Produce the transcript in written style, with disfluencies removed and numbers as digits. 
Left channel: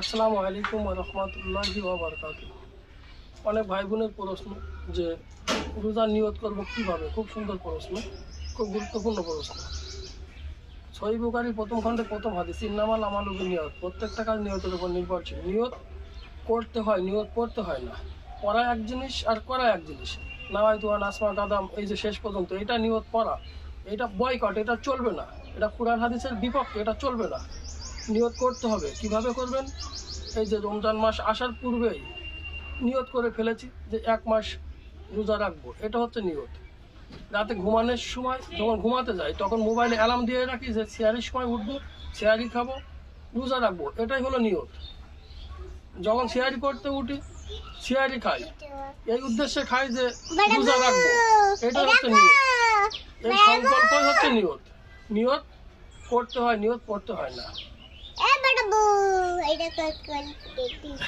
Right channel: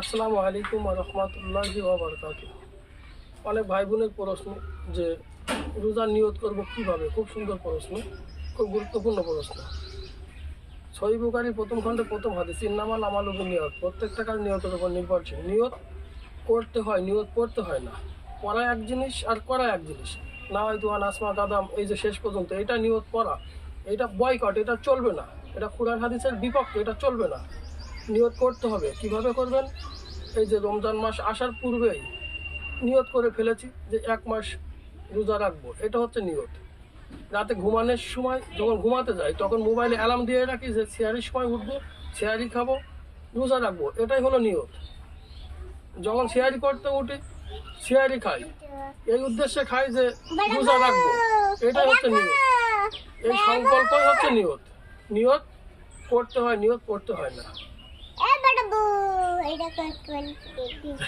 আসসালামু আলাইকুম ওয়া রাহমাতুল্লাহি ওয়া বারাকাতুহু। অনেক ভাই বোনের প্রশ্ন যে রোজার নিয়ত করব কীভাবে। খুব সুন্দর প্রশ্ন, খুব গুরুত্বপূর্ণ প্রশ্ন। সহিহ বুখারীর প্রথম খণ্ডের প্রথম হাদিস, ইন্নামাল আমালু বিন্নিয়াত। প্রত্যেকটা কাজ নিয়তের উপর নির্ভরশীল। নিয়ত করতে হয়, নিয়ত পড়তে হয় না। পড়া এক জিনিস আর করা এক জিনিস। নাওয়াইতু আন আসমা কাদাম, এই যে শেষ পর্যন্ত, এটা নিয়ত পড়া, এটা বয়কট, এটা চলবে না। এটা কুরআন হাদিসের বিপক্ষে, এটা চলবে না। নিয়ত করতে হবে। কিভাবে করবেন? এই যে রমজান মাস আসার পূর্বেই নিয়ত করে ফেলেছি যে 1 মাস রোজা রাখবো, এটা হচ্ছে নিয়ত। রাতে ঘুমানোর সময় যখন ঘুমাতে যাই তখন মোবাইলে অ্যালার্ম দিয়ে রাখি যে সেহারির সময় উঠবো, সেহারি খাবো, রোজা রাখবো, এটাই হলো নিয়ত। যখন সেহারি করতে উঠি, সেহারি খাই, এই উদ্দেশ্যে খাই যে রোজা রাখবো, এটাই হচ্ছে নিয়ত। এই সংকল্পই হচ্ছে নিয়ত। নিয়ত করতে হয়, নিয়ত করতে হয় না।